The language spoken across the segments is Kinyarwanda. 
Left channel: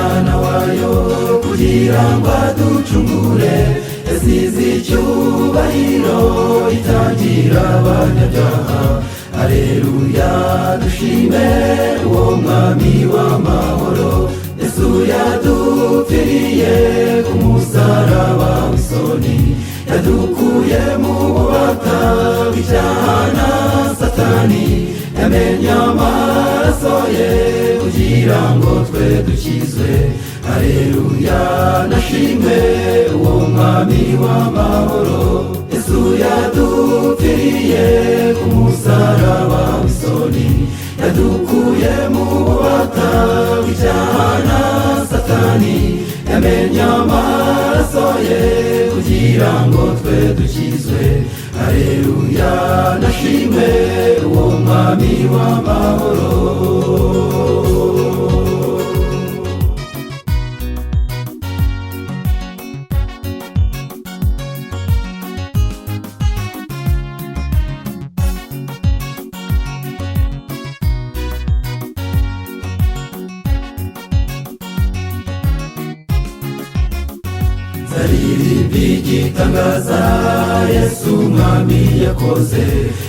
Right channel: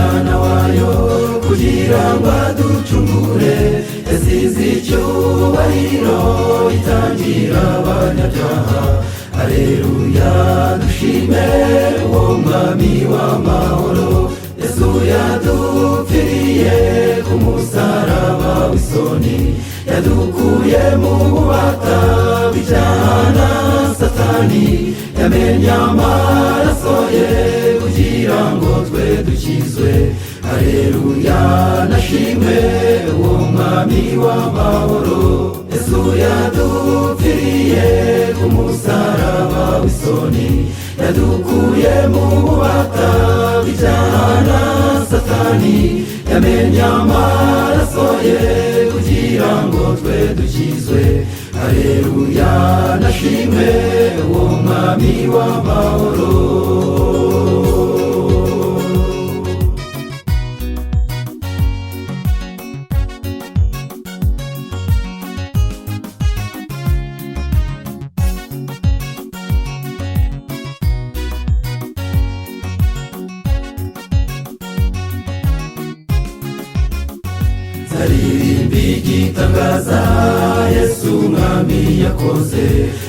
umwana wayo kugira ngo aducungure, yasize icyubahiro itangira abanyabyaha. Haleluya, dushime uwo mwami w'amahoro, Yesu yadupfiriye ku musaraba w'isoni, yadukuye mu bubata bw'icyaha na Satani, yamennye amaraso ye kugira ngo twe dukizwe. Haleluya, nashime uwo mwami w'amahoro, Yesu yadupfiriye ku musaraba w'isoni, yadukuye mu bubata bw'icyaha na Satani, yamennye amaraso ye kugira ngo twe dukizwe. Haleluya, nashime uwo mwami w'amahoro. Igitangaza Yesu umwami yakoze,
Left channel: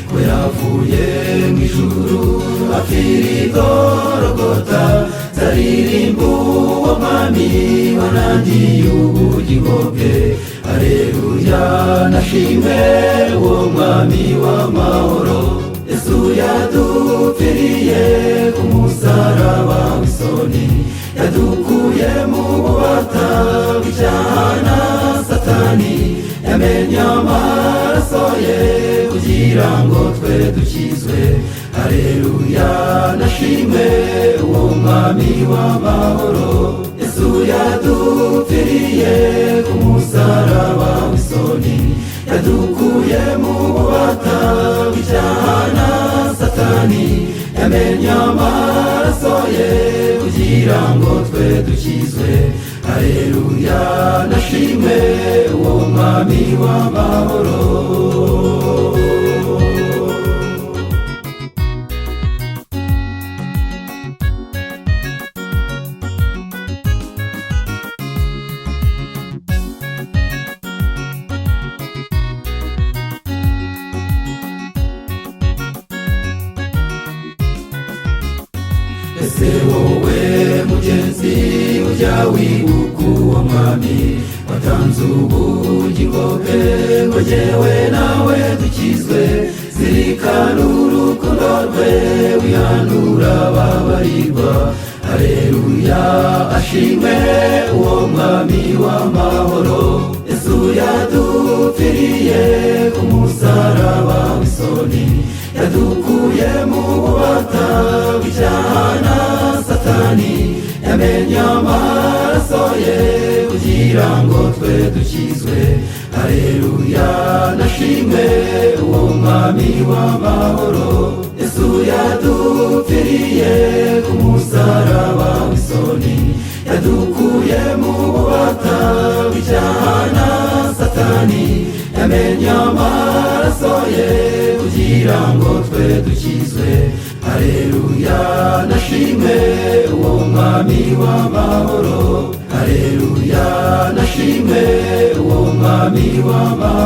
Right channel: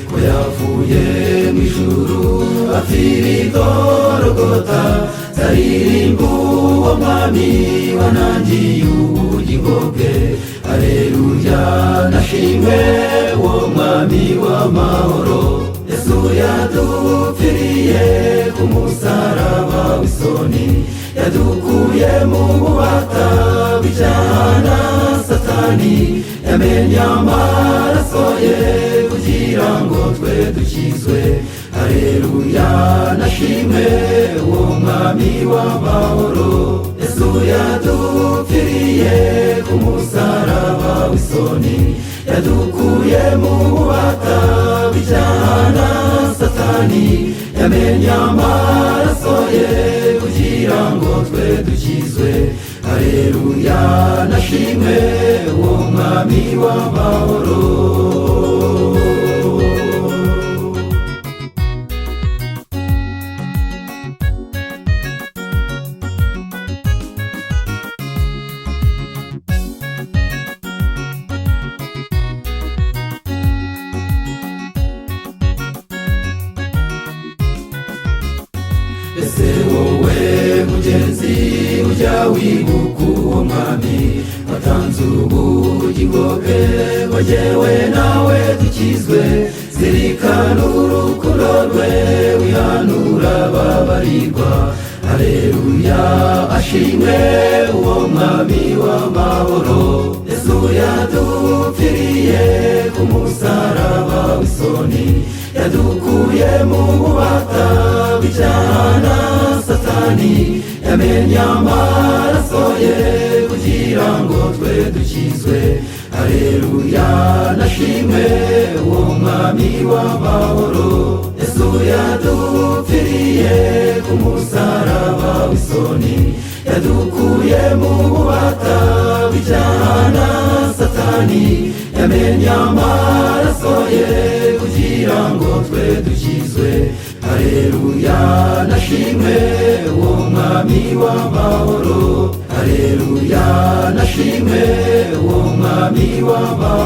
ko yavuye mu ijuru apfira i Gologota. Zaririmba uwo mwami wanangiye ubugingo bwe. Haleluya, nashimwe uwo mwami w'amahoro, Yesu yadupfiriye ku musaraba w'isoni, yadukuye mu bubata bw'icyaha na Satani, yamennye amaraso ye kugira ngo twe dukizwe. Haleluya, nashime uwo mwami w'amahoro, Yesu yadupfiriye ku musaraba w'isoni, yadukuye mu bubata bw'icyaha na Satani, yamennye amaraso ye kugira ngo twe dukizwe. Haleluya, nashime uwo mwami w'amahoro. Ese wowe mugenzi, ujya wibuka uwo mwami watanze ubugingo bwe, ngo jyewe nawe dukizwe. Zirikana urukundo rwe, wihanura ababarirwa. Haleluya, ashimwe uwo mwami w'amahoro, Yesu yadupfiriye ku musaraba w'isoni, yadukuye mu bubata bw'icyaha na Satani, yamennye amaraso ye kugira ngo twe dukizwe. Haleluya, nashimwe uwo mwami w'amahoro, Yesu yadupfiriye ku musaraba w'isoni, yadukuye mu bubata bw'icyaha na Satani, yamennye amaraso ye kugira ngo twe dukizwe. Haleluya, nashimwe uwo mwami w'amahoro. Haleluya, nashimwe uwo mwami w'amahoro.